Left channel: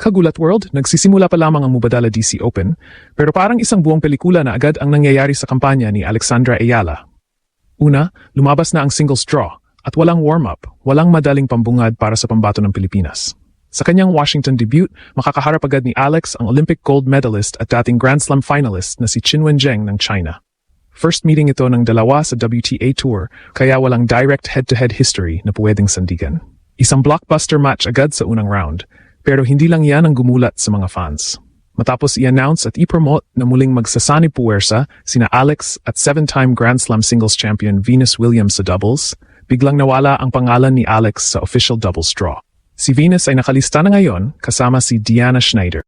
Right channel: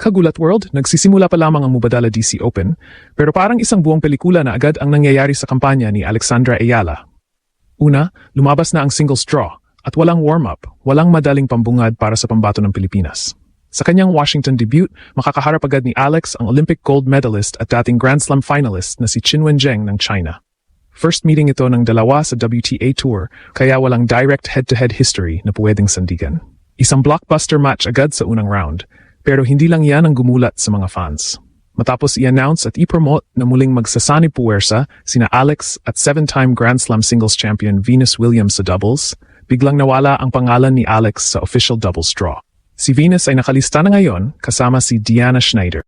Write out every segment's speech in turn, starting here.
Kagulat World, nagsisimula pa lamang ang Mubadala DC Open, pero parang isang buong pelikula na agad ang nangyayari sa kampanya ni Alexandra Ayala. Una, lumabas na ang single straw at walang warm-up, walang madaling pambungad para sa pambato ng Pilipinas. Sa kanyang Washington debut, makakaharap agad ni Alex ang Olympic gold medalist at dating Grand Slam finalist na si Qinwen Zheng ng China. First meeting ito ng dalawa sa WTA Tour, kaya walang direct head-to-head history na pwedeng sandigan. Isang blockbuster match agad sa unang round. Pero hindi lang yan ang gumulat sa mga fans. Matapos i-announce at i-promote na muling magsasani puwersa sina Alex at 7-time Grand Slam singles champion Venus Williams sa doubles, biglang nawala ang pangalan ni Alex sa official doubles draw. Si Venus ay nakalista na ngayon kasama si Diana Schneider.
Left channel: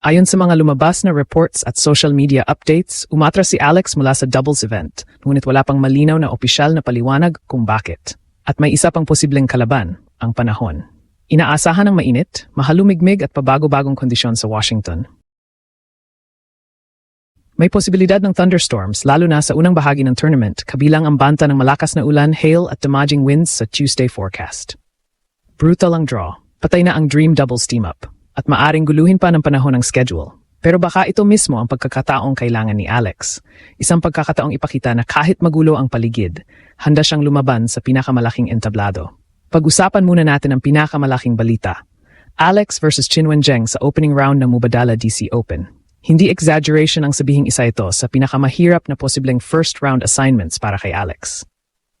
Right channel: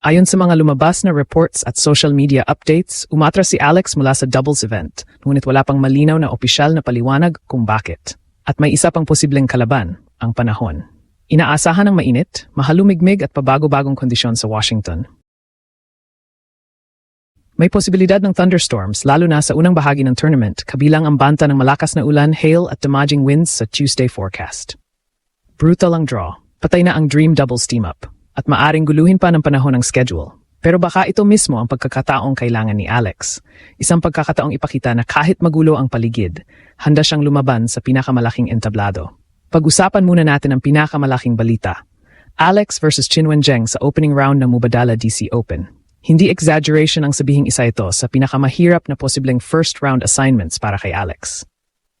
Ayon sa mga lumabas na reports at social media updates, umatras si Alex mula sa doubles event, ngunit wala pang malinaw na opisyal na paliwanag kung bakit. At may isa pang posibleng kalaban, ang panahon. Inaasahan ng mainit, mahalumigmig at pabago-bagong kondisyon sa Washington. May posibilidad ng thunderstorms lalo na sa unang bahagi ng tournament, kabilang ang banta ng malakas na ulan, hail at damaging winds sa Tuesday forecast. Brutal ang draw. Patay na ang dream doubles team-up at maaring guluhin pa ng panahon ang schedule. Pero baka ito mismo ang pagkakataong kailangan ni Alex. Isang pagkakataong ipakita na kahit magulo ang paligid, handa siyang lumaban sa pinakamalaking entablado. Pag-usapan muna natin ang pinakamalaking balita. Alex versus Qinwen Zheng sa opening round ng Mubadala DC Open. Hindi exaggeration ang sabihing isa ito sa pinakamahirap na posibleng first round assignments para kay Alex.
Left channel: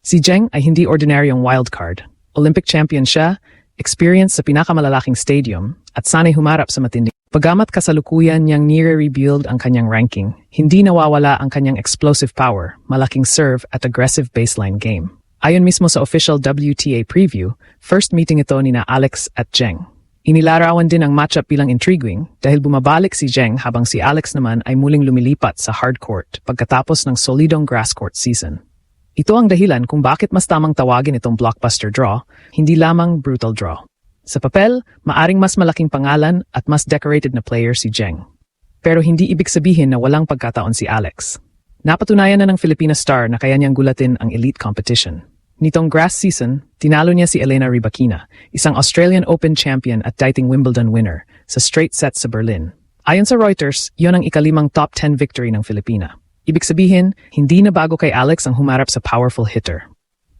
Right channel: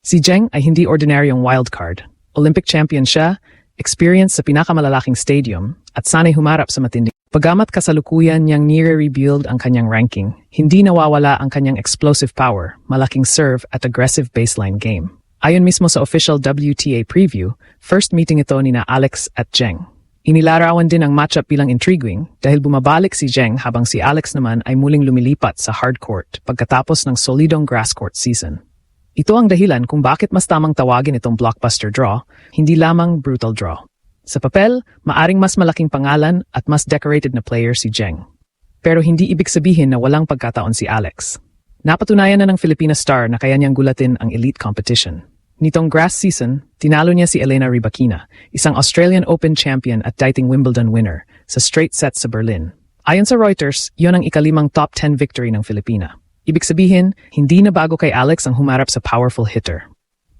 Si Zheng ay hindi ordinaryong wildcard. Olympic champion siya, experience sa pinakamalalaking stadium, at sanay humarap sa matindi. Pagamat kasalukuyan niyang nire-rebuild ang kanyang ranking, hindi nawawala ang kanyang explosive power, malaking serve at aggressive baseline game. Ayon mismo sa official WTA preview, first meeting ito ni na Alex at Zheng. Inilarawan din ang matchup bilang intriguing dahil bumabalik si Zheng habang si Alex naman ay muling lumilipat sa hardcourt pagkatapos ng solidong grasscourt season. Ito ang dahilan kung bakit mas tamang tawagin itong blockbuster draw, hindi lamang brutal draw. Sa papel, maaring mas malaking pangalan at mas decorated na player si Zheng. Pero hindi ibig sabihin na walang pagkataon si Alex. Napatunayan na ng Filipina star na kaya niyang gulatin ang elite competition. Nitong grass season, tinalo niya si Elena Rybakina, isang Australian Open champion at dating Wimbledon winner, sa straight sets sa Berlin. Ayon sa Reuters, iyon ang ikalimang top 10 victory ng Filipina. Ibig sabihin, hindi na bago kay Alex ang humarap sa powerful hitter.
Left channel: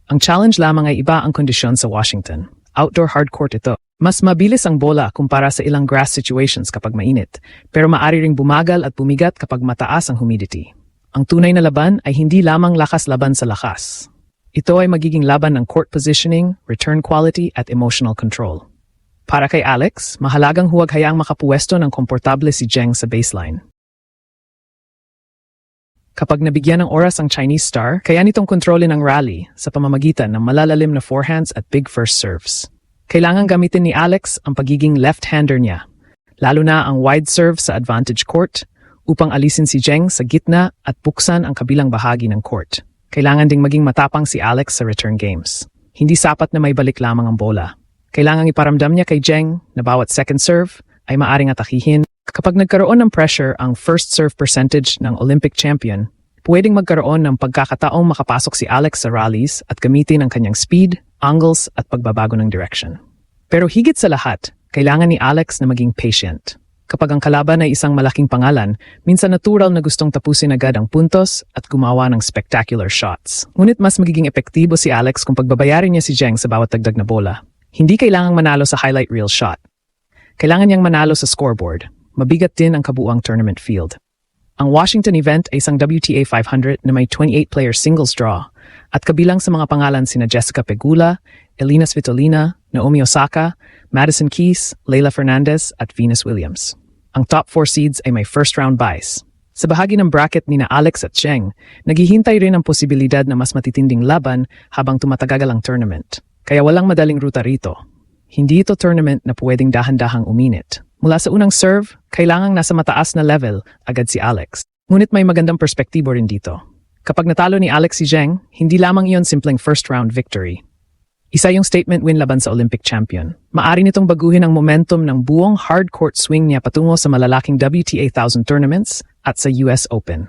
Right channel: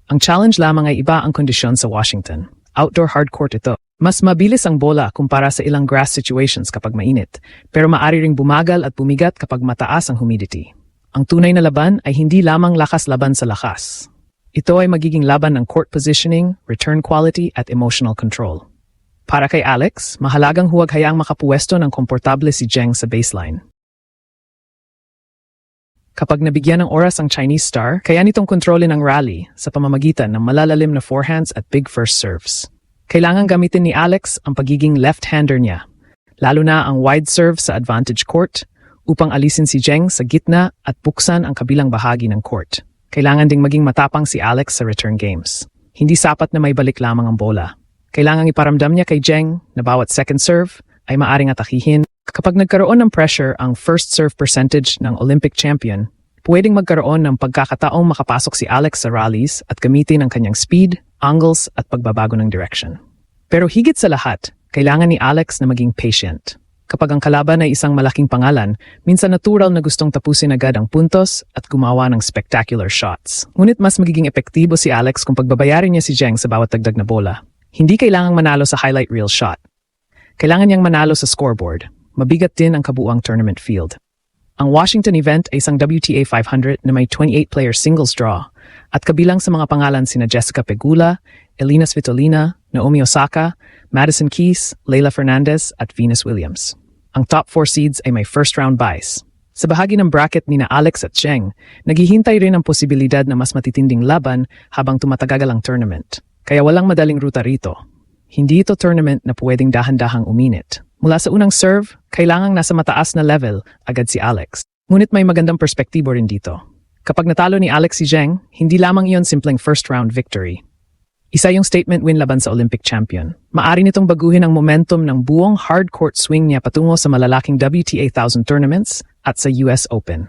Ang challenge lamang ay iba ang kondisyon sa Washington. Outdoor hardcourt ito. Mas mabilis ang bola kumpara sa ilang grass situations kapag mainit, pero maaari ring bumagal at bumigat kapag mataas ang humidity. Ang tunay na laban ay hindi lamang lakas laban sa lakas. Ito ay magiging laban ng court positioning, return quality at emotional control. Para kay Alex, mahalagang huwag hayaang makapuwesto ng komportable si Zheng sa baseline. Kapag nabigyan ng oras ang Chinese star, kaya nitong kontrolin ang rally sa pamamagitan ng malalalim na forehands at big first serves. Kailangan gamitin ni Alex ang pagiging left-hander niya, lalo na ang wide serve sa advantage court, upang alisin si Zheng sa gitna at buksan ang kabilang bahagi ng court. Kailangan ding maging matapang si Alex sa return games. Hindi sapat na may balik lamang ang bola. Kailangan iparamdam niya kay Zheng na bawat second serve ay maaring atakihin. Kapag nagkaroon ng pressure ang first serve percentage ng Olympic champion, pwedeng magkaroon ng pagkakataong makapasok si Alex sa rallies at gamitin ang kanyang speed, angles at pagbabago ng direction. Pero higit sa lahat, kailangan ni Alex na maging patient. Kapag ang kalaban ay isang malaking pangalan, minsan natural na gustong tapusin agad ang puntos at gumawa ng spectacular shots. Ngunit mas magiging epektibo si Alex kung pagbabayarin niya si Zheng sa bawat dagdag na bola. Hindi kailangang manalo sa highlight reel shot. Kailangan niyang manalo sa scoreboard. Mabigat din ang kabuuang tournament field. Ang Washington event ay isang WTA 500 na may 28-player singles draw at kabilang sa mga pangalan sina Jessica Pegula, Elina Svitolina, Naomi Osaka, Madison Keys, Leylah Fernandez at Venus Williams. Ang top 4 seeds ay may first-round buys. Sa bahagi ng bracket ni na Alex at Zheng, naghihintay rin ang posibilidad na mas matitinding laban habang tumatagal ang tournament. Kaya walang madaling ruta rito. Hindi ito tournament na pwedeng dahan-dahang uminit. Mula sa unang serve, kailangang nasa mataas na level agad si Alex. Ngunit may magandang perspektibo rin dito. Kapag natalo ni Alex si Zheng, hindi lamang iyon simpleng first-round victory. Isa yung statement win laban sa Olympic champion. Maari nitong baguhin ang momentum ng buong hardcourt swing niya patungo sa malalaking WTA 1000 tournaments at sa US Open.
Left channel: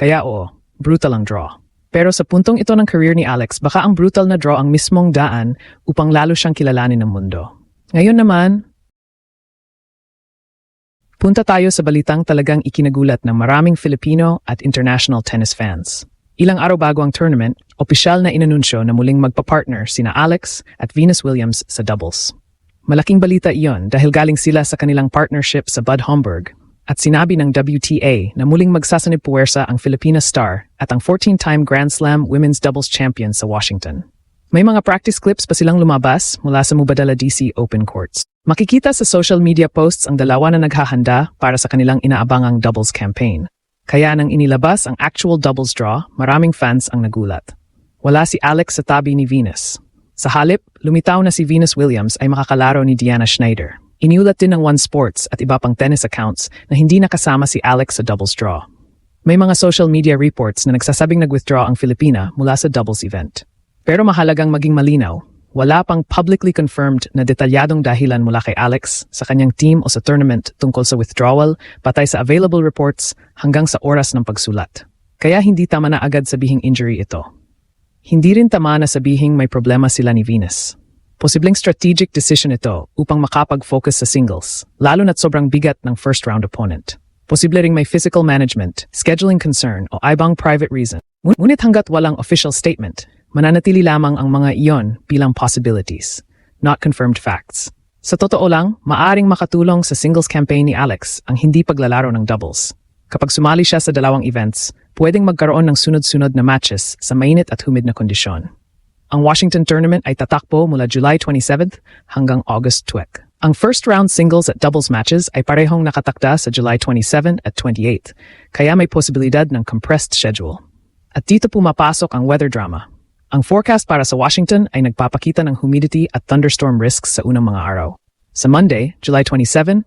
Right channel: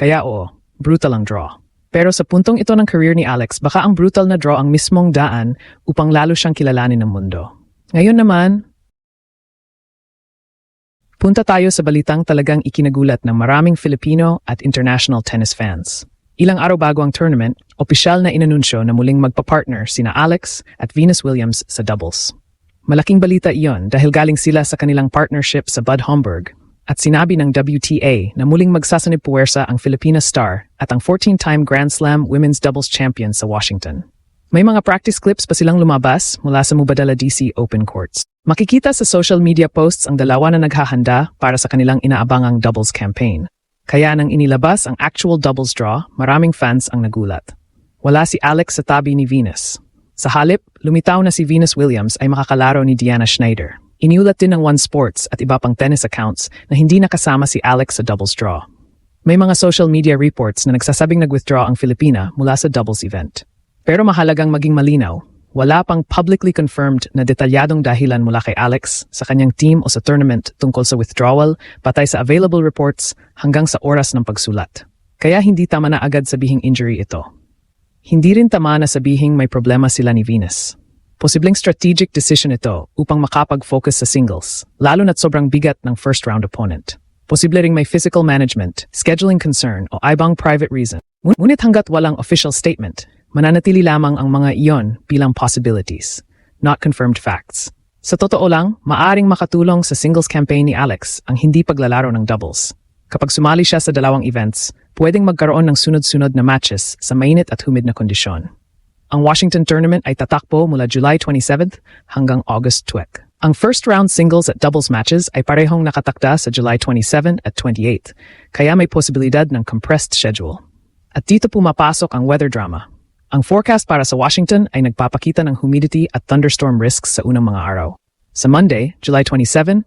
Kaya oo, brutal ang draw. Pero sa puntong ito ng career ni Alex, baka ang brutal na draw ang mismong daan upang lalo siyang kilalanin ng mundo. Ngayon naman, Punta tayo sa balitang talagang ikinagulat ng maraming Filipino at international tennis fans. Ilang araw bago ang tournament, opisyal na inanunsyo na muling magpa-partner sina Alex at Venus Williams sa doubles. Malaking balita iyon dahil galing sila sa kanilang partnership sa Bad Homburg at sinabi ng WTA na muling magsasanib-puwersa ang Filipina star at ang 14-time Grand Slam women's doubles champion sa Washington. May mga practice clips pa silang lumabas mula sa Mubadala DC Open Courts. Makikita sa social media posts ang dalawa na naghahanda para sa kanilang inaabangang doubles campaign. Kaya nang inilabas ang actual doubles draw, maraming fans ang nagulat. Wala si Alex sa tabi ni Venus. Sa halip, lumitaw na si Venus Williams ay makakalaro ni Diana Schneider. Iniulat din ng One Sports at iba pang tennis accounts na hindi nakasama si Alex sa doubles draw. May mga social media reports na nagsasabing nag-withdraw ang Filipina mula sa doubles event. Pero mahalagang maging malinaw, wala pang publicly confirmed na detalyadong dahilan mula kay Alex sa kanyang team o sa tournament tungkol sa withdrawal patay sa available reports hanggang sa oras ng pagsulat. Kaya hindi tama na agad sabihing injury ito. Hindi rin tama na sabihing may problema sila ni Venus. Posibleng strategic decision ito upang makapag-focus sa singles, lalo na't sobrang bigat ng first-round opponent. Posible ring may physical management, scheduling concern o ibang private reason. Ngunit hanggat walang official statement, mananatili lamang ang mga iyon bilang possibilities, not confirmed facts. Sa totoo lang, maaring makatulong sa singles campaign ni Alex ang hindi paglalaro ng doubles. Kapag sumali siya sa dalawang events, pwedeng magkaroon ng sunod-sunod na matches sa mainit at humid na kondisyon. Ang Washington tournament ay tatakbo mula July 27th hanggang August 12th. Ang first round singles at doubles matches ay parehong nakatakda sa July 27 at 28th, kaya may posibilidad ng compressed schedule. At dito pumapasok ang weather drama. Ang forecast para sa Washington ay nagpapakita ng humidity at thunderstorm risks sa unang mga araw. Sa Monday, July 27,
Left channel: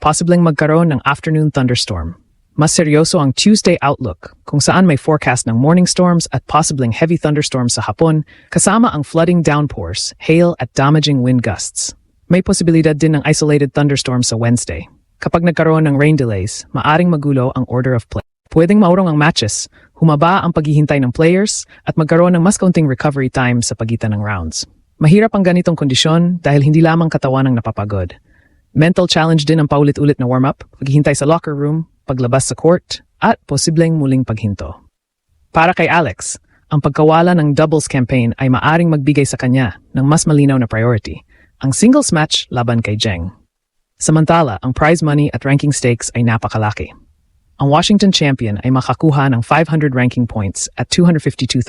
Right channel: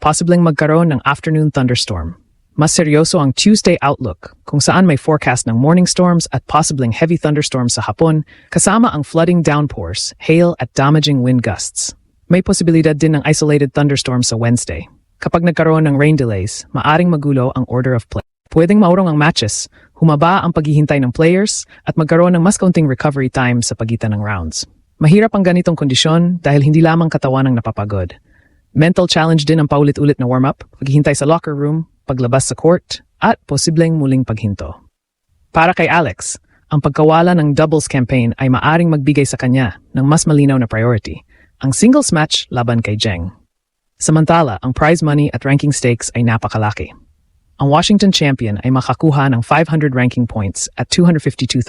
posibleng magkaroon ng afternoon thunderstorm. Mas seryoso ang Tuesday outlook kung saan may forecast ng morning storms at posibleng heavy thunderstorms sa hapon kasama ang flooding downpours, hail at damaging wind gusts. May posibilidad din ng isolated thunderstorms sa Wednesday. Kapag nagkaroon ng rain delays, maaring magulo ang order of play. Pwedeng maurong ang matches, humaba ang paghihintay ng players, at magkaroon ng mas kaunting recovery time sa pagitan ng rounds. Mahirap ang ganitong kondisyon dahil hindi lamang katawan ang napapagod. Mental challenge din ang paulit-ulit na warm-up, paghihintay sa locker room, paglabas sa court, at posibleng muling paghinto. Para kay Alex, ang pagkawala ng doubles campaign ay maaring magbigay sa kanya ng mas malinaw na priority, ang singles match laban kay Zheng. Samantala, ang prize money at ranking stakes ay napakalaki. Ang Washington champion ay makakuha ng 500 ranking points at $252,000.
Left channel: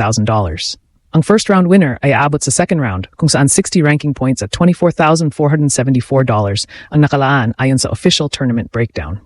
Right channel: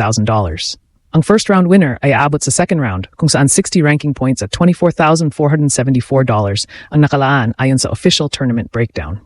Ang first round winner ay aabot sa second round kung saan 60 ranking points at $24,474 ang nakalaan ayon sa official tournament breakdown.